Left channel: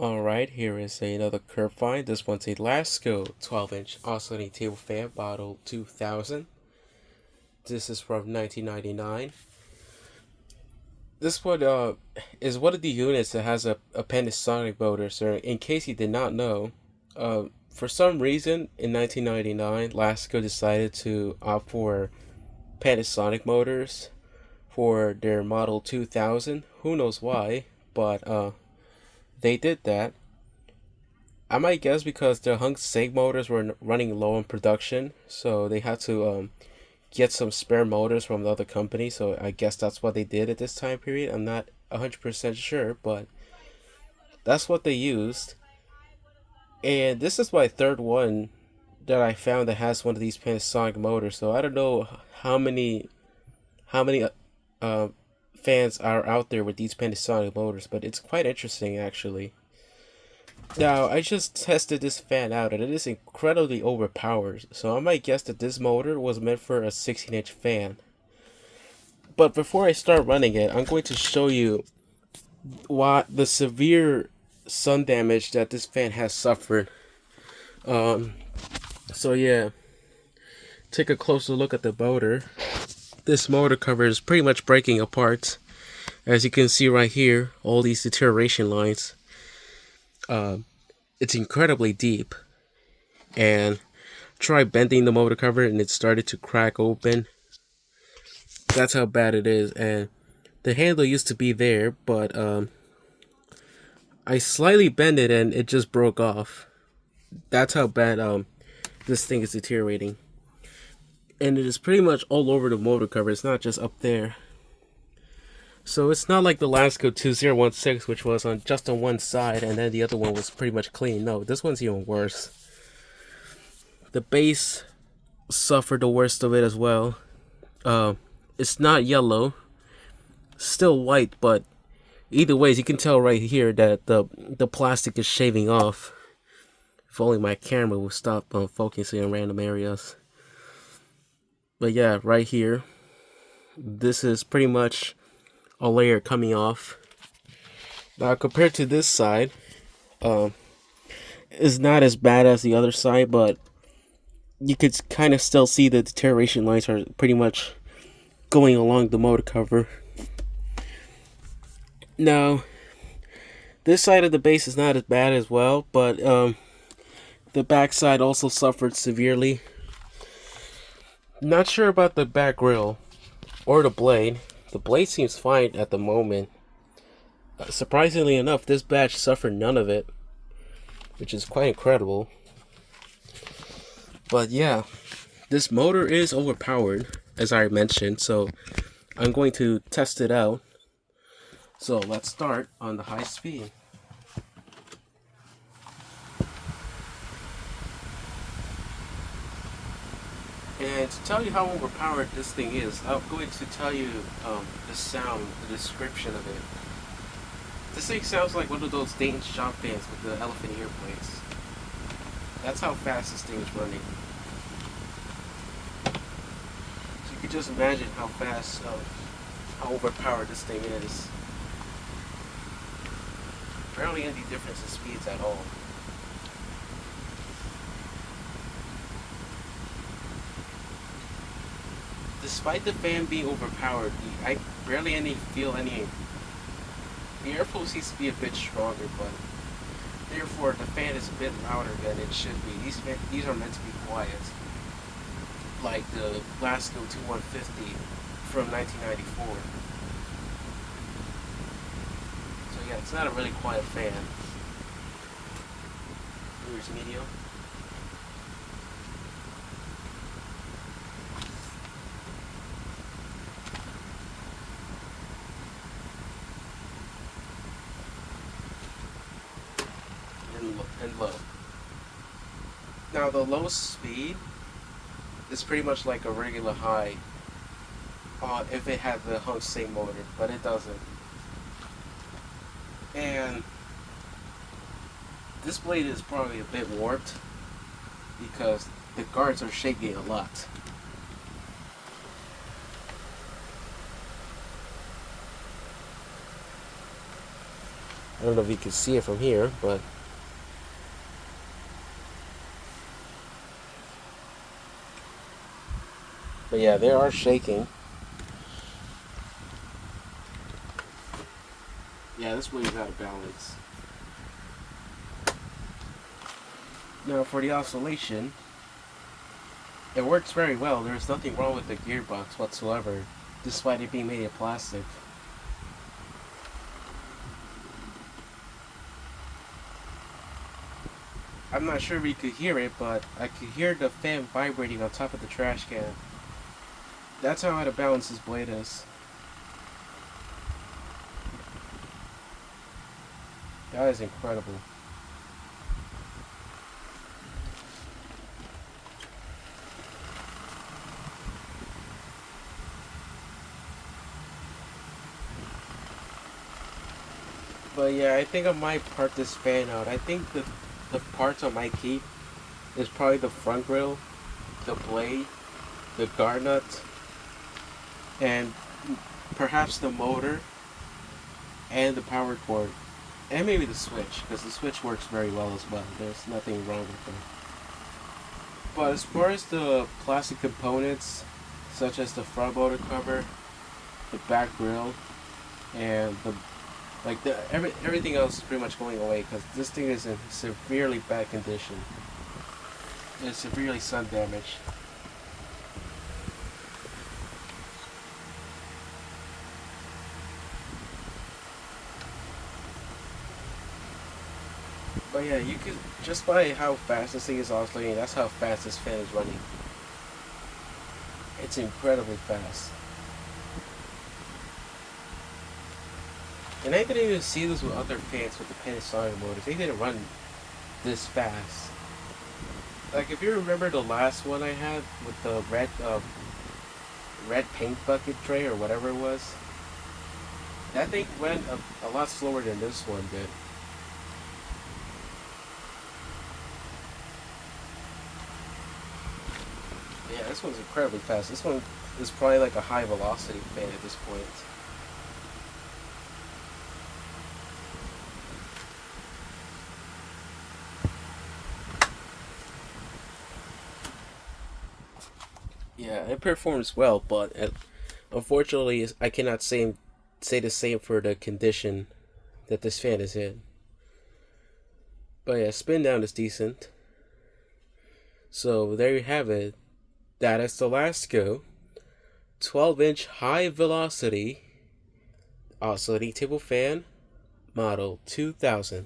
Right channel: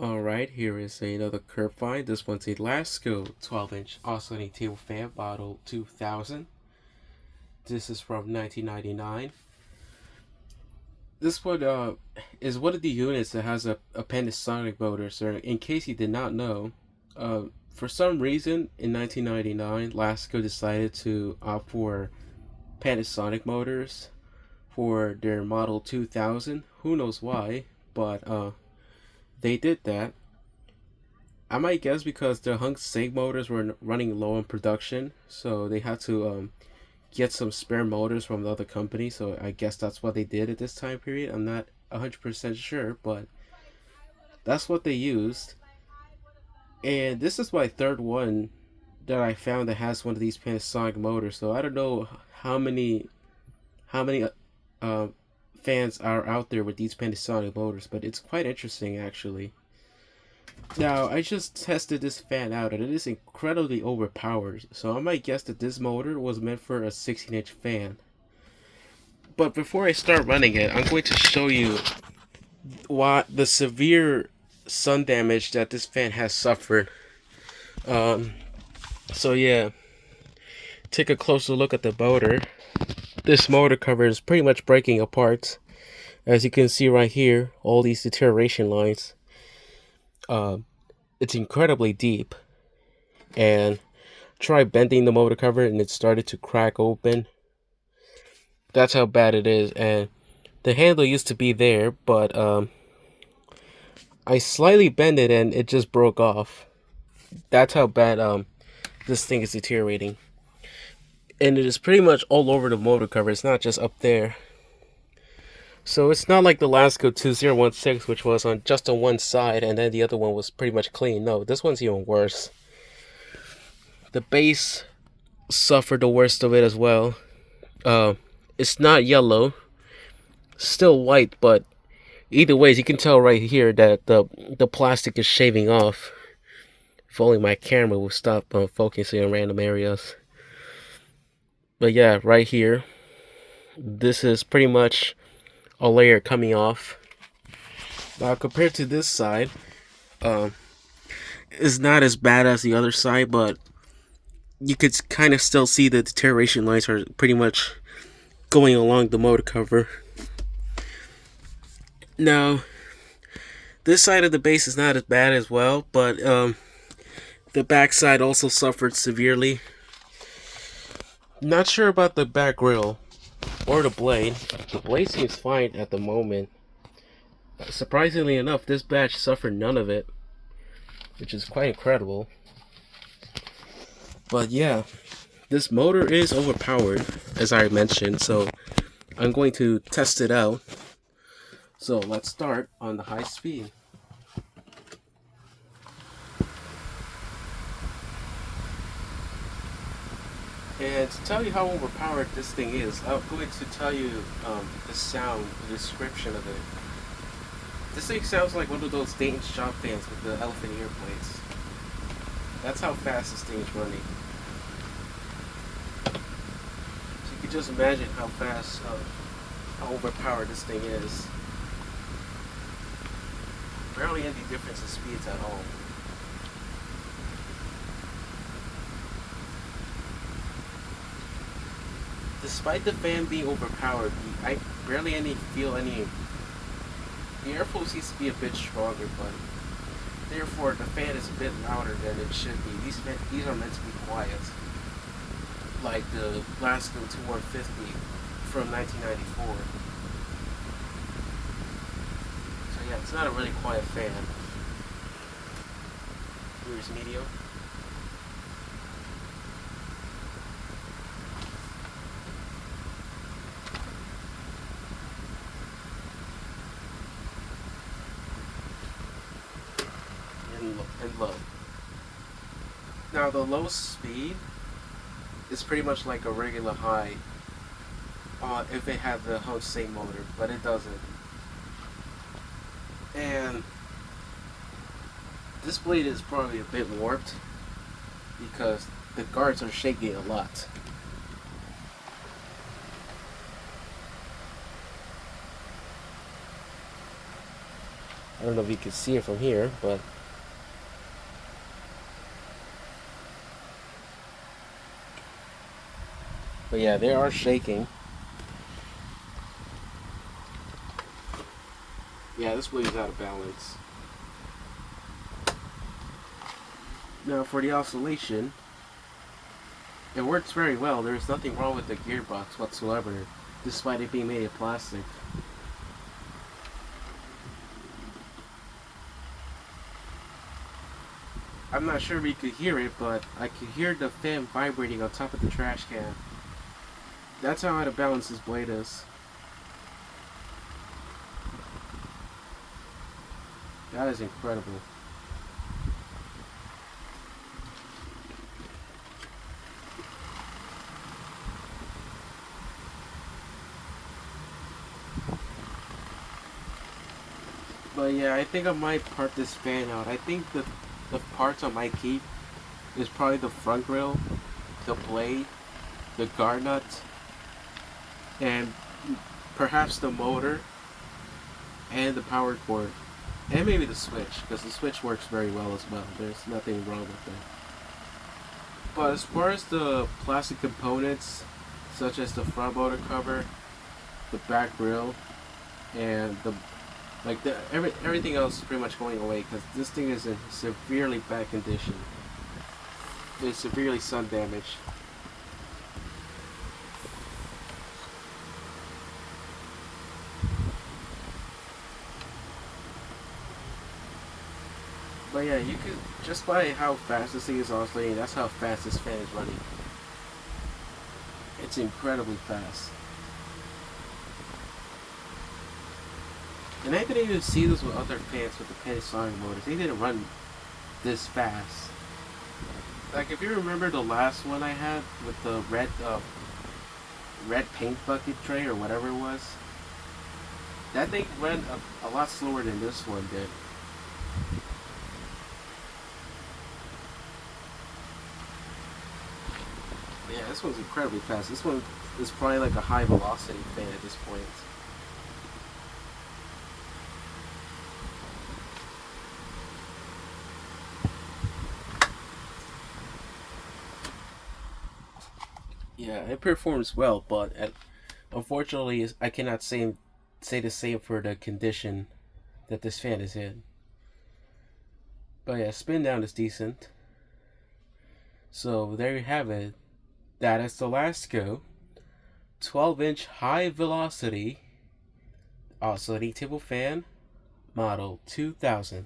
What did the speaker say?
Alright, here is another curve find. This one's a Lasko 12-inch oscillating table fan model 2000. This is from 1999. This one is one of the units that has a Panasonic motor. So in case you did not know, for some reason in 1999, Lasko decided to opt for Panasonic motors for their model 2000. Who knows why, but they did that. I might guess because the hunk sig motors were running low in production, so they had to get some spare motors from the other company. So I guess that's what they did at this time period. I'm not 100% sure, but that's what they used. And this is my third one that I found that has one of these Panasonic motors. So I don't know how many uh, fans are out there with these Panasonic motors, but it's quite interesting actually. Now, I just tested this fan out and it is incredibly overpowered, so I might guess that this motor was meant for a 16-inch fan. But before I start running it, I'm going to show you what the severe sun damage that this fan has suffered. Um, so yeah, take a closer look at the motor. This motor cover is pretty much breaking apart. As you can see right here, all these deterioration lines. It's incredibly deep, and try bending the motor cover and it started to crack open. That's how bad it is. And the handle used to be there, but I slightly bent it and it just broke off. That's how bad this thing is deteriorating, and it is pretty much all over the motor cover. It's not just up there. So it's not like the Lasko 2016, which was on just on one side and then the other one was pretty much clean. No, this one's even worse. The base suffered the worst of it as well. It's not yellow, still white, but either ways, you can tell right here that the plastic is shaving off. If only my camera would stop focusing on random areas. But yeah, right here, this is pretty much a layer coming off. Now compared to this side, it's not as bad as the other side, but you could kind of still see the deterioration lines are pretty much going along the motor cover. Now, this side of the base is not as bad as well, but the back side also suffered severely. Not sure about the back grill or the blade. The blade seems fine at the moment. Surprisingly enough, this batch suffered none of it, which is quite incredible. But yeah, this motor is overpowered, as I mentioned, so I'm going to test it out. So let's start on the high speed. And to tell you how overpowered this thing is, I'm going to tell you the sound, the description of it. This thing sounds like one of those Dayton shop fans with the elephant ear plates. That's how fast this thing is running. So you can just imagine how fast, how overpowered this thing is. Barely any difference in speeds at all. Despite the fan being overpowered, I barely feel any. The airflow seems to be a bit stronger, but therefore the fan is a bit louder than it should be. These are meant to be quiet, like the Lasko 2150 from 1994. So yeah, it's not a really quiet fan. Here's medium. And low. Now the low speed is pretty much like a regular high if it had the hunk same motor, but it doesn't. And this blade is probably a bit warped because the guards are shaking a lot. I don't know if you can see it from here, but yeah, they are shaking. Yeah, this wheel's out of balance. Now for the oscillation, it works very well. There's nothing wrong with the gearbox whatsoever, despite it being made of plastic. I'm not sure if you could hear it, but I could hear the fan vibrating on top of the trash can. That's how out of balance this blade is. That is incredible. But yeah, I think I might part this fan out. I think the parts I might keep is probably the front grill, the blade, the guard nut, and perhaps the motor and the power cord. And maybe the switch, because the switch works very well as well. There's nothing wrong with that. But as far as the plastic components, such as the front motor cover, the back grill, and everything else is pretty much going away because this thing is in severely bad condition. It's severely sun damaged. But yeah, you could just by how fast this thing is oscillating, that's how fast this fan is running. It's incredibly fast. And I didn't even see this with other fans with the Panasonic motors. They didn't run this fast. Like if you remember the last one I had with the red paint bucket tray or whatever it was, that thing ran a lot slower than this one did. Yeah, this one's incredibly fast. This one is probably like a high velocity fan at this point. Yeah, it performs well, but unfortunately, I cannot say the same for the condition that this fan is in. But yeah, spin down is decent. So there you have it. That is the Lasko 12-inch high velocity oscillating table fan model 2000.